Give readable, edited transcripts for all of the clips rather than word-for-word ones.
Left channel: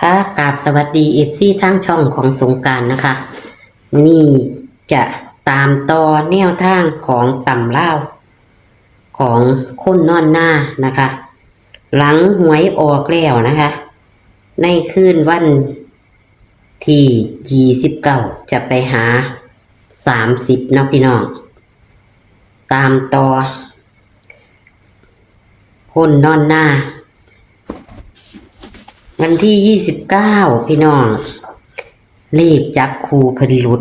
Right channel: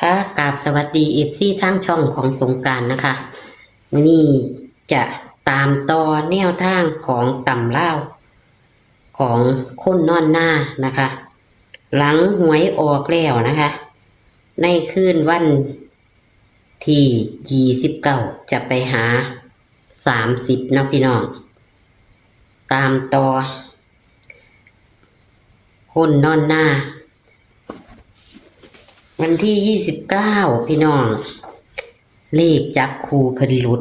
ค่ะกราบสวัสดีFCทางช่องของสงกรานต์นะคะมื้อนี้จะตามต่อแนวทางของตำลาวของคนนอนหน้านะคะ หลังหวยออกแล้วนะคะ ในคืนวันที่29จะไปหา30เนาะพี่น้อง ตามต่อคนนอนหน้า วันที่29พี่น้อง เลขจับคู่เพิ่นหลุด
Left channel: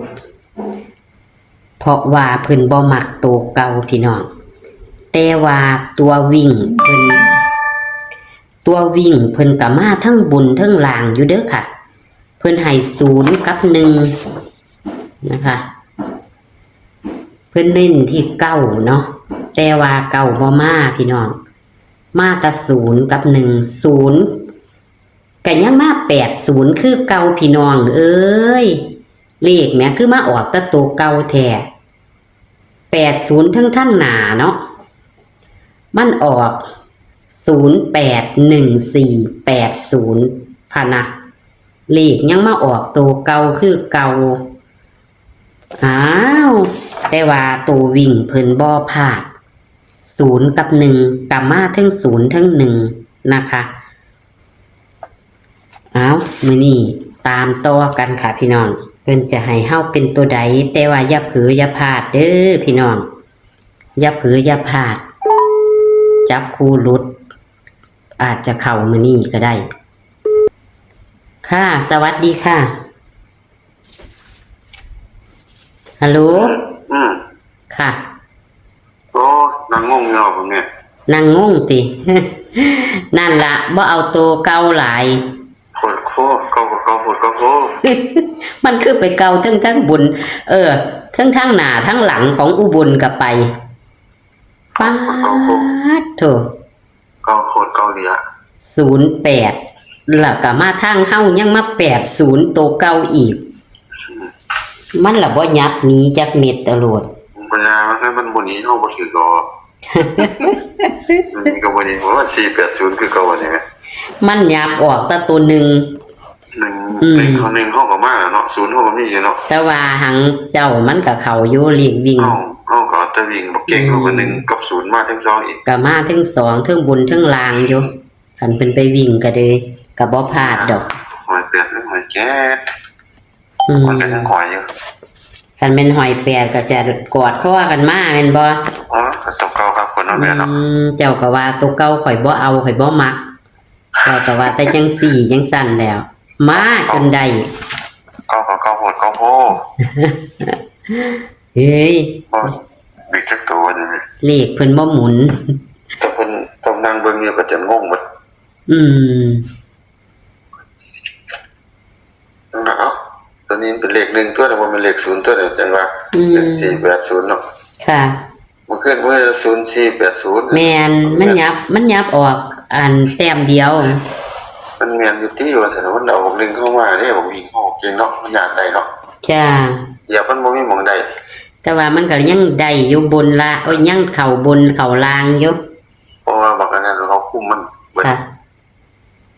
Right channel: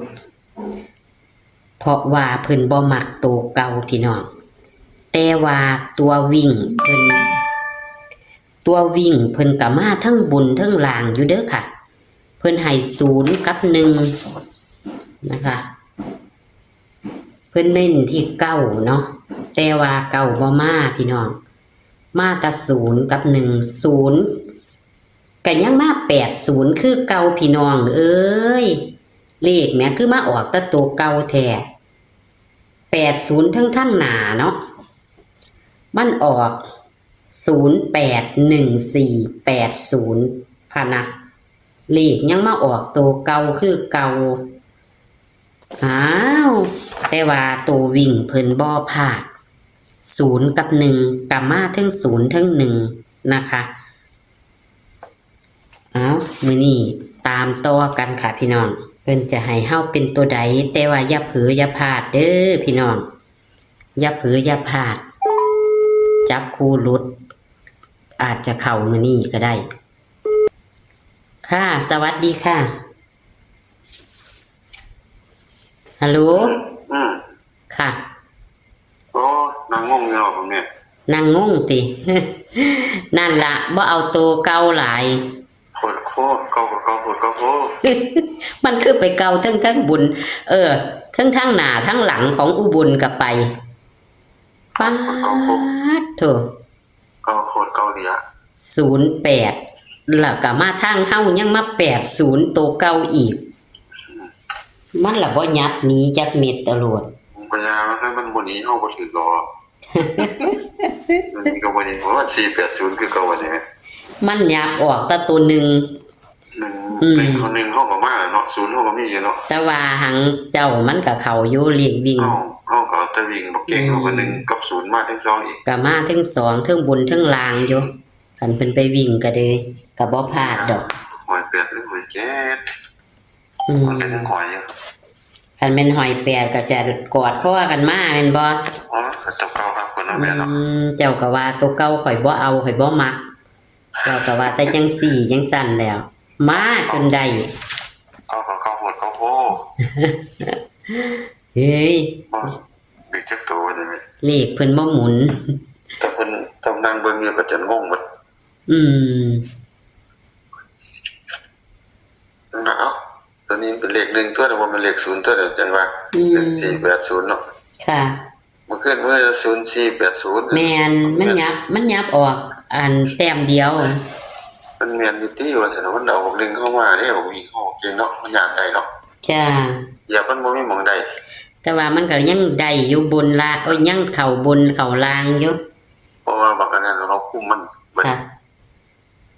เพราะว่าเพิ่นบ่มักตัวเก่าพี่น้อง แต่ว่าตัววิ่งเพิ่นก็มาทั้งบุญทั้งลางอยู่เด้อค่ะ เพิ่นให้0กับ1นะคะ เพิ่นเล่นที่9เนาะ แต่ว่าเก่าบ่มาพี่น้อง มาแต่0กับ1 0ก็ยังมา80คือเก่าพี่น้องเอ้ยเลขแม่คือมาออกแต่ตัวเก่าแท้80ทั้งหน้าเนาะมันออก081480พะนะเลขยังมาออกตัวเก่าคือเก่าอ้าวแต่ว่าตัววิ่งเพิ่นบ่พลาด0กับ1ก็มาทั้ง0ทั้ง1นะคะเอามื้อนี้ตามต่อกันค่ะพี่น้องเพิ่นจะให้เฮาเป็นตัวใดแต่ว่าอย่าเผลออย่าพลาดเด้อพี่น้องอย่าเผลออย่าพลาดจับคู่หลุดอาจจะเข้ามื้อนี้ก็ได้ค่ะสวัสดีค่ะฮัลโหลค่ะโอ้นางงงเนาะผมเนี่ยนั่งงงติ นั่นล่ะบ่เอาตัวเก่าหลายโคตรโคเก่าก็เก่าโคตรเก่าโค มันคือไปเก่าทั้งบุญทั้งหน้าทั้งหลังของอุบลก็ไปป๊าดโถเก่าโคตรเก่าดีอะ08แล้วก็มาทางเฮายังมา80ตัวเก่าอีกมันล่ะบ่ยับหนีจักเม็ดตลอดปัญญามันบ่หนีเฮาบ่ถือดอกมันก็บ่หนีเพราะว่า480คือเก่าอันนี้มันยับออกแต่ตัวหนึ่ง1เฮาก็มาเนาะ0เฮาก็มีอยู่เนาะแต่ว่าหังเจ้ามันก็เข้าอยู่เลขวิ่งเฮาก็ตะวิ่งบ่เก่งเฮาก็1กับ0มาทั้ง2อีกก็มาทั้ง2ทั้งบุญทั้งลางอยู่คันเพิ่นไปวิ่งก็เด้ก็บ่พลาดดอกหอยเป็ดหอยแก๊สมันเป็นหอยอยู่คันแม่นหอยแปดก็จะกอดคอกันมาแม่นบ่ตัวเก่าครับคนเอาแม่เนาะเจ้าก็ว่าตัวเก่าข่อยบ่เอาข่อยบ่มักเจ้าก็ว่าแต่จังสี่จังสั่นแล้วมาจนได้เก่าก็เก่าโหดเก่าโหเฮ้ยบิดจักตัวนี่เลขเพิ่นบ่หมุนแต่เพิ่นต้องนั่งเบิ่งอยู่ก็จะงงหมดเนาะตอนนี้เป็นเลข1ตัวแต่ว่าเป็นเลข0ตัวเดี๋ยวจังว่า480เนาะค่ะมันขึ้นว่า0480แม่นมันยับออกอันแต้มเดียวมันแม่นอยู่ที่ว่าซั่นมันเอาบอก1เข้ามาเด้บอกวิ่งออกเก่งเนาะมันยากได้เนาะจ้าอย่ามันบ่มีหม่องใดแต่ว่ามันก็ยังได้อยู่บนละยังเข้าบนเข้าล่างอยู่เพราะว่าบางอันนั้นเราคุมมันค่ะ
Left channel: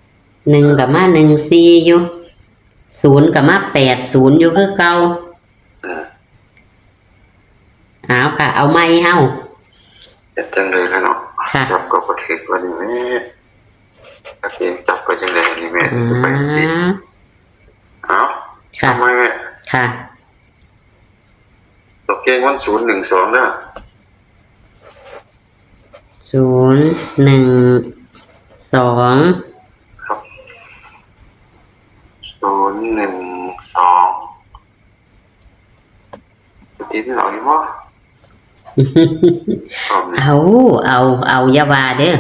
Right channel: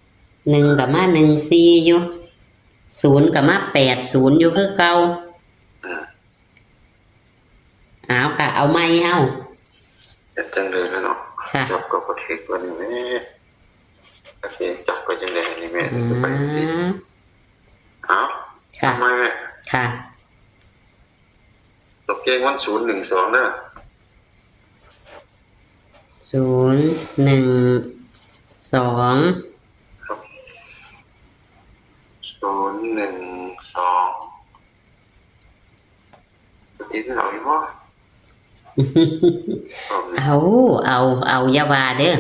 1ก็มา14อยู่0ก็มา80อยู่คือเก่าเอาค่ะเอาไม้เฮาเป็นจังเลยแล้วเนาะจับกับประเทศวันนี้แม่อาเกณฑ์จับไปจังเลยนี่แม่ไปสิเอาทำไมแม่ค่ะตกเกงวัน012นะ012ครับ012ตีที่เราอยู่บ่เอาอย่าว่าเด้อ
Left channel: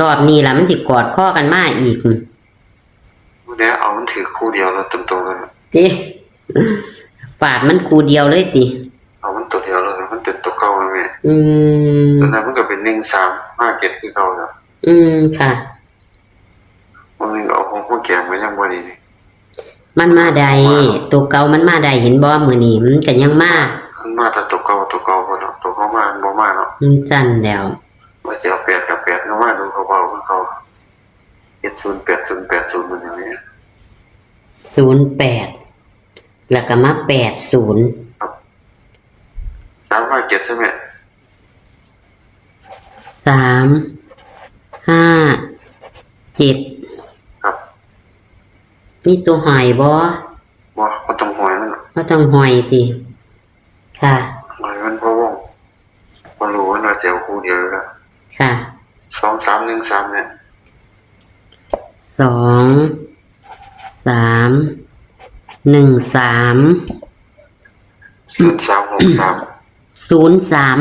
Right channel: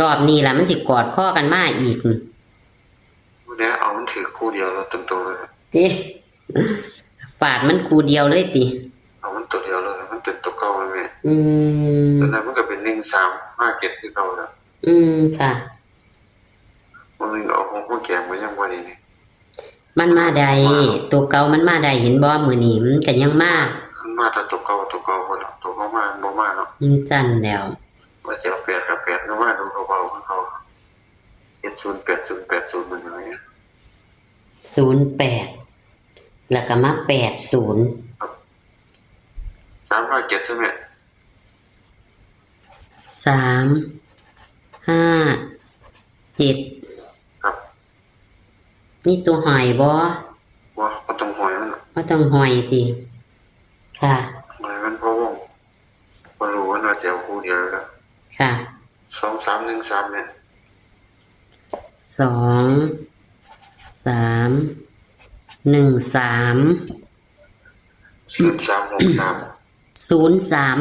รอบนี้ล่ะมันสิกอดข้อกันมาอีกเนี่ยเอามันถือคู่เดียวแล้วตรงๆเลยติฝาดมันคู่เดียวเลยติเอามันตัวเดียวแล้วมันติดตัวเก่าเลยแม่ตอนนั้นมันก็เป็น1357คือเก่าแล้วค่ะมันเอาของแกงไว้ยังบ่ดีนี่มันมาได้ตัวเก่ามันมาได้เห็นบ่มื้อนี้มันก็ยังมามันมาแต่ตัวเก่าบ่เนาะตัวเขามาบ่มาเนาะจั่นแล้วว่าสิเอา8กับ8เนาะมาดูเขาเบาคือเขา 708080มันอย่างนี้ 08แล้วก็มา80 357ใช่ไหม 357ครับ มีตัวหอยบ่ว่าก็ต้องหอยมัน บ่ต้องหอยติค่ะ หอยมันเพราะว่าพอรู้ว่าเราจะเอาคู่เดียวแล้ว ค่ะ 2313เนี่ย 2363 03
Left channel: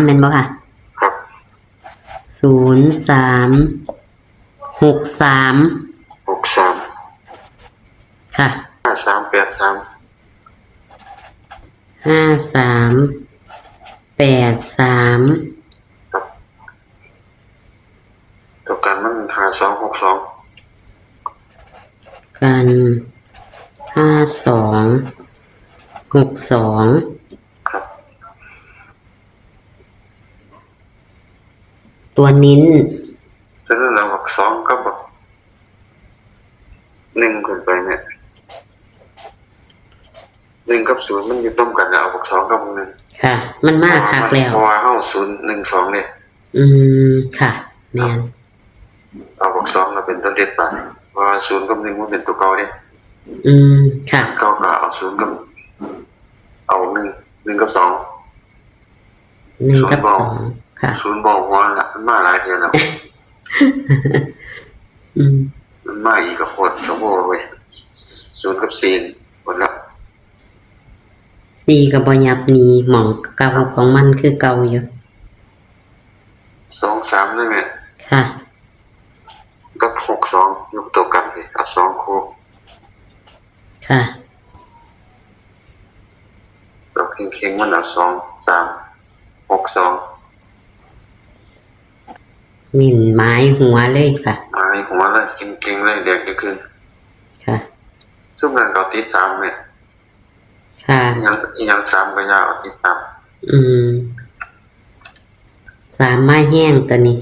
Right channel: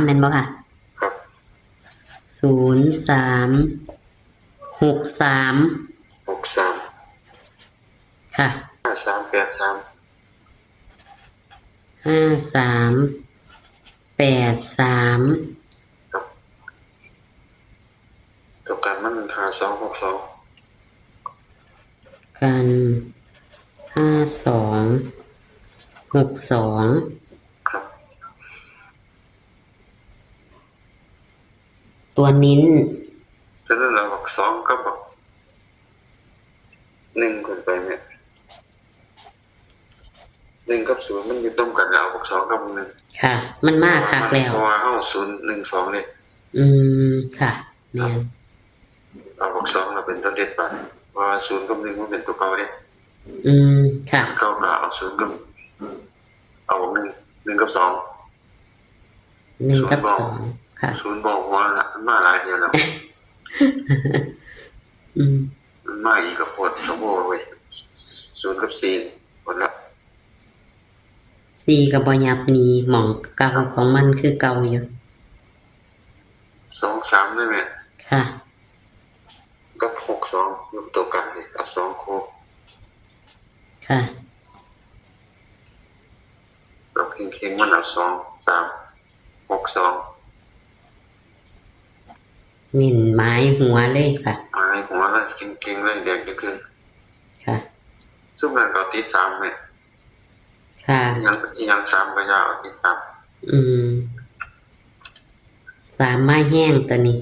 แม่นบ่ค่ะ ครับ 0363ค่ะ 5383ครับตัวกันมัน5262กัน5262ครับ ตัวนิ้น ฉะนั้นเราบอก2กับบอก1ขึ้นไปเนี่ย1กับ0มันอยู่ต้มกันแล้วบอก2กับ1ค่ะ มันมากคักแล้ว เพราะว่าเฮา012เนี่ย ค่ะแม่น เอาบอก2เราเป็นตัวเด็ดไปเพราะว่า0กับ1มันเป็นตัวเก่าเนี่ย ค่ะ เก่าก็เอา0กับเอา1กับ2 1 กับ 2ค่ะ 0บอกว่าน่ะมันมาหลายเดือนแล้ว มันมาอีกกับโคตรชั่วโมงเว้ย0กับ4หมดละ 4ก็บ่ยับหนีหม่องเก่าของมันคือเก่าอยู่ 2-3ได้ไหม ค่ะ กับ6-2อยู่ตัวกันเลยเอา2คู่ ค่ะ เราเค็งๆมันเอา2-3-6-2 มิ่นไม้หัวเลยค่ะ มาให้หัวเลยเค็งๆเลยเด็กจะขึ้น ค่ะ ซึ่งมันเราติด3เนี่ย ค่ะ ยัง3ก็ยาวติด3 3ไม้แห้งตัวนี้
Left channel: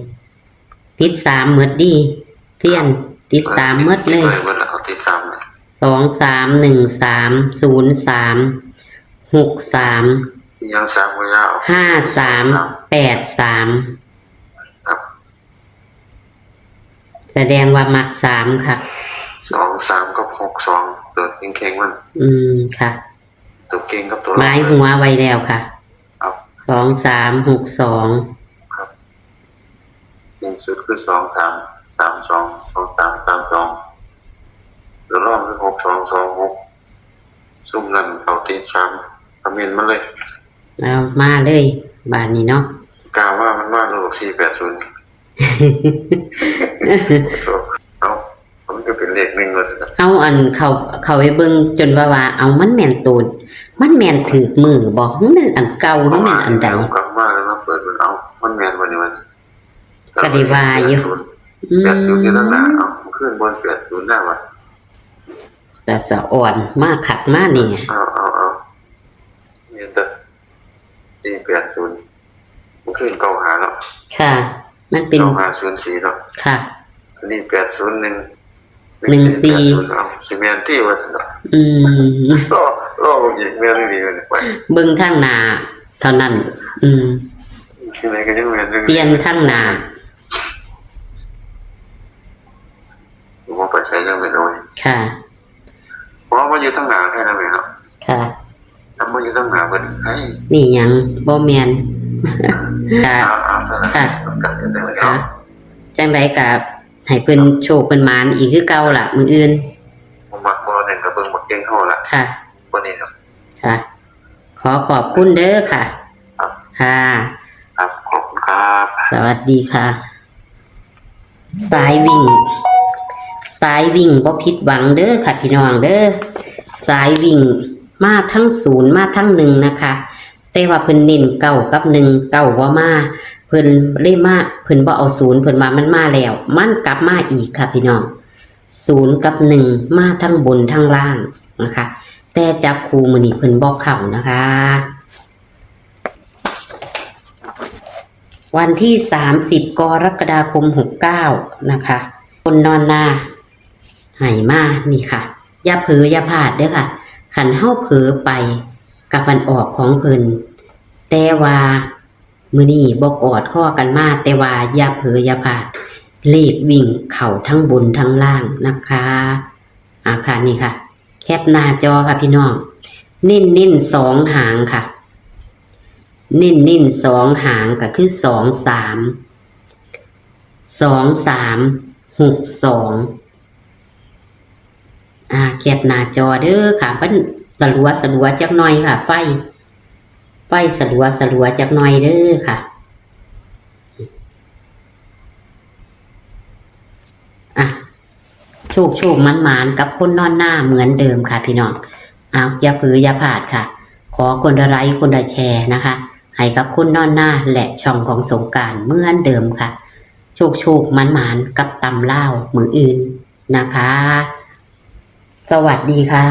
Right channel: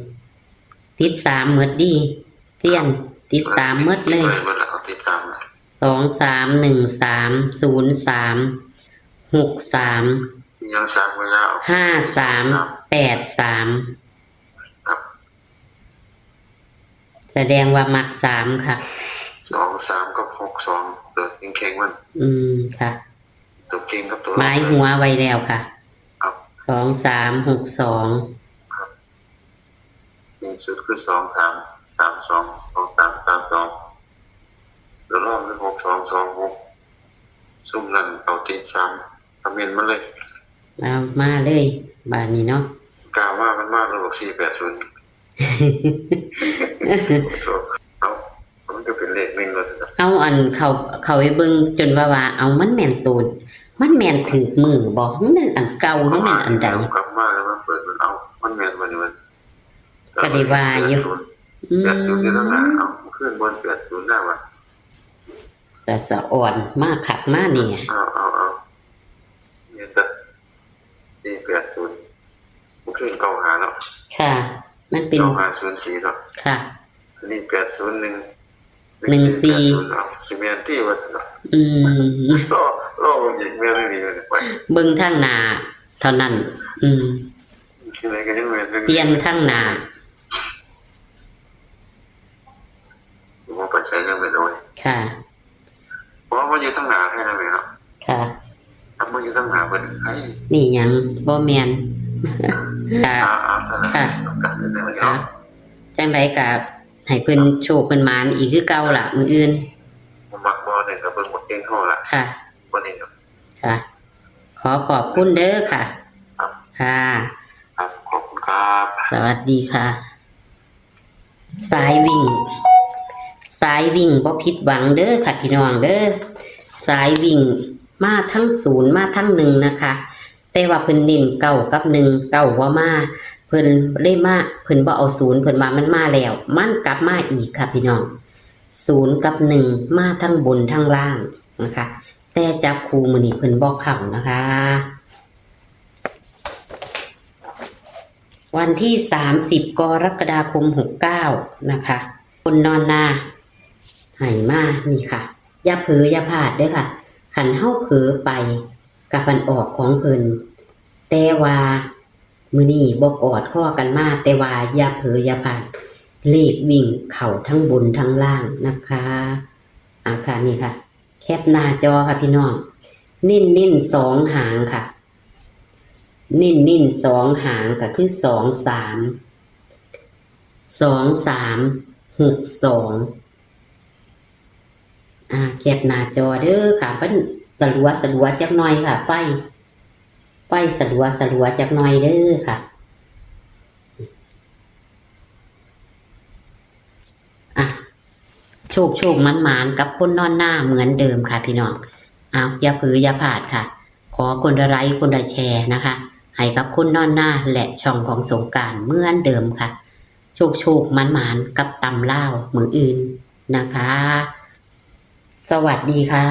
ติด3หมดดีเพี้ยนติด3หมดเลย หมดแล้วเอาติด3เลย 23130363ยัง3ก็ยาว 5383 ครับ แสดงว่ามัก3ค่ะ 2-3กับ6-2ตัวเค็งๆมัน ค่ะ ตัวเก่งกับตัว ไม้หัวไว้แล้วค่ะ ครับ 2362 เก่งสุดคือ2-3-3-2-2-3-3-2ตัวรองคือ6-2-2-6ซุ่มนั่นเอาติด3ทำเงินมาเลย เอามาเลยบานนี้เนาะ กล่าวว่ามันว่าโลก480เอามันก็เป็นเลข1เลยสิครับ เอาอันเขาไปเบิ่งจนว่าเอามันแม่นตูนมันแม่นถือมือบ่มันแม่นอันเก่าหรือแม่นอันใด กลับมาแล้วมาเปิดมันเอามันแมนวันนี้มัน ก็ได้ว่าอยู่ 80ที่นั่นน่ะเอาขึ้นบน80หน้าว่ะ แต่สะอ่อนมากขัดมากนี่ เอานี่แต่80มันขึ้นเก่าหาแล้ว ค่ะ มันเป็น เก่าหา04แล้ว ค่ะ อันนี้801 14 เอาสิแม่นที่ว่าซั่นน่ะ รอบ่อีกแม่นนี่เลยไป เบิ่งทางหน้าเท่านั้น ที่ไหนก็ยังแม่น เปลี่ยนทางหน้า บ่ไปใช้ยังไม่รู้ ค่ะ เพราะว่าอยู่ทางหน้าแค่นั้นเองครับ ค่ะ ถ้าบ่อยู่ทางหน้าเพิ่นให้ นี่หยังบ่แม่นค่ะ ซะนะ ค่ะ ครั ค่ะ บ จังไดก็ให้เพิ่นโชคเพิ่นหมานอีกคือเก่าล่ะมื้ออื่น ผมมักบ่หนึ่งก็เบิ่งบ่เก่งเฮาละ ค่ะ บ่นี่ครับ ค่ะ ขอบคุณเด้อค่ะ ครับ ค่ะ ครับขอบคุณครับ สวัสดีค่ะ สายวิ่งบ่ผิดหวังเด้อค่ะพี่น้องเด้อสายวิ่งมาทั้ง0มาทั้ง1นะคะแต่ว่าเพิ่นเน้นเก้ากับ1เก้าว่ามาเพิ่นเลยมาเพิ่นบ่เอา0เพิ่นว่ามันมาแล้วมันกลับมาอีกค่ะพี่น้อง0กับ1มาทั้งบนทั้งล่างนะคะแต่จับคู่มื้อนี้เพิ่นบ่เข้านะคะ วันที่30 กรกฎาคม 69 นะคะ คนนอนนา ให้มานี่ค่ะอย่าเผลออย่าพลาดเด้อค่ะคันเฮาเผลอไปกับมันออกของเพิ่นแต่ว่ามื้อนี้บ่กอดข้อกันมาแต่ว่าอย่าเผลออย่าพลาดเลขวิ่งเข้าทั้งบนทั้งล่างนะคะค่ะนี่ค่ะแคปหน้าจอค่ะพี่น้องเน้น2หางค่ะเน้น2หางก็คือ2362แคปหน้าจอเด้อค่ะเพิ่นสลัวจักหน่อยค่ะไฟสลัวจักหน่อยเด้อค่ะโชคมันกับคนนอนหน้าเหมือนเดิมค่ะพี่น้องอย่าเผลออย่าพลาดค่ะขอคนละไลค์คนละแชร์นะคะให้กับคนนอนหน้าและช่องของสงกรานต์เหมือนเดิมค่ะโชคมันกับตำเล่ามืออื่นนะคะสวัสดีค่ะ